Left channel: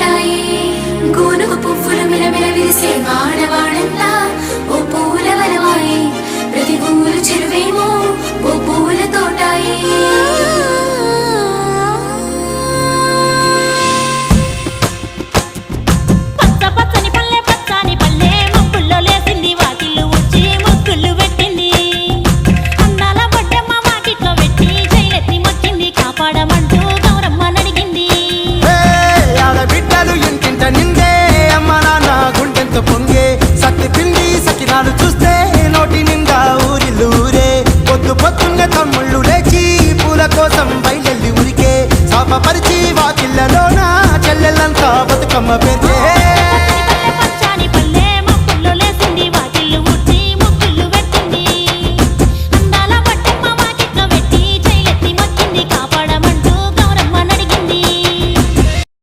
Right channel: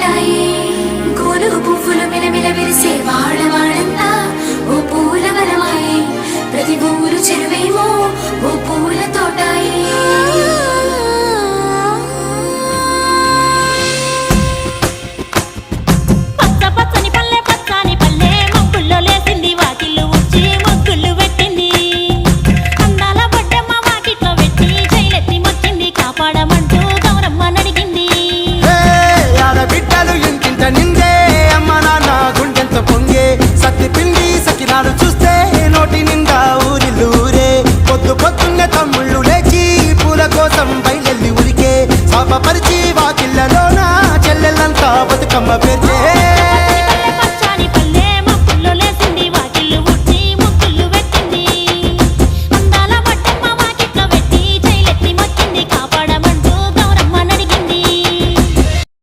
తోటాయి గోను పువ్వులు మిలమిల విరిసే వాడవాడంతా ఓ పూల వరవాయి ప్రతి పువ్వులు చెరువేమో ఓ పూల తోటాయి పచ్చ పచ్చని పల్లె పచ్చని పల్లె మబ్బుల్లో లేసింది వాకిళ్ళు ఊడ్చి ముగ్గులు పెట్టింది అందాల బొడ్డమ్మ వాకిట్లో పెట్టి జైలెత్తి మొక్కింది కాపాడమంటూ గౌరమ్మ నడిగింది ఆడబిడ్డలు ఇంటింట నిందే అమ్మ నాన్న గుండెంతో పొంగే సత్తి పిండి సకినాలు చూస్తే నోటి నిండా ఊరిల్లూరే పొద్దు పొద్దున్నే తమ్ముళ్ళు లేచి పూల కోసం బయలెల్లి ఉరికే శాపపరిచి వాకిళ్ళలోన చెల్లెళ్ళంతా బతుకమ్మ పేర్చే